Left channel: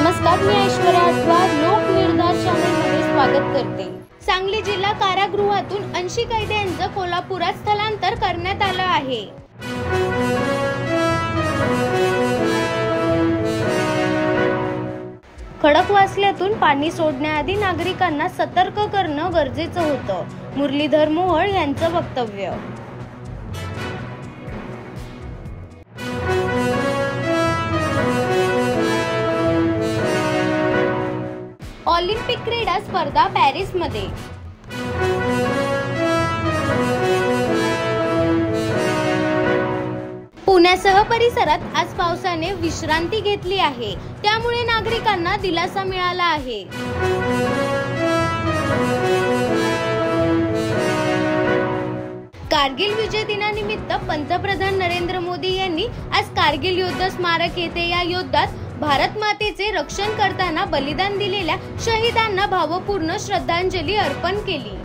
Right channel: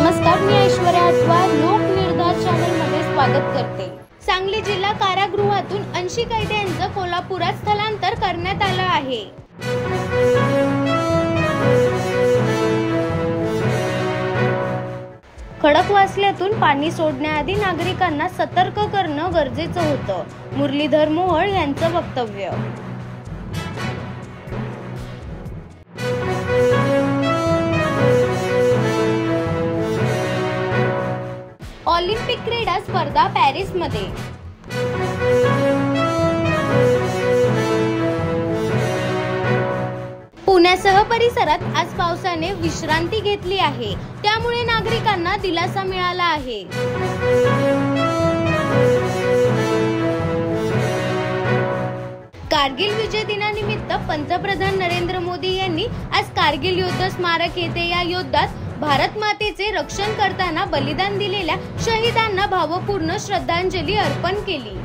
नमस्कार, मी ऐश्वर्या अटवार लोक निर्धार चॅनल मध्ये स्वागत करते। सांगली जिल्हा कारागृहातून 80 कैद्यांचं कोल्हापुरात स्थलांतर करण्यात आलं आहे। खडकवासल्यातून पाणी सोडण्याआधी नागरिकांना सतर्क करणं गरजेचं होतं, मुरलीधर मोहोळ यांचं वक्तव्य। ऑलिम्पिक क्रीडा स्पर्धा पॅरिसमध्ये। पुण्यासह परिसरात आज पावसाने विश्रांती घेतली आहे, त्यामुळे नागरिकांना दिलासा मिळाला आहे। कारगिल विजय दिनानिमित्त पंतप्रधान नरेंद्र मोदी यांनी आज कारगिल युद्ध स्मारक येथे या युद्धात भारत मातेचे रक्षण करताना बलिदान दिलेल्या शहीदांना भावपूर्ण श्रद्धांजली अर्पण केली।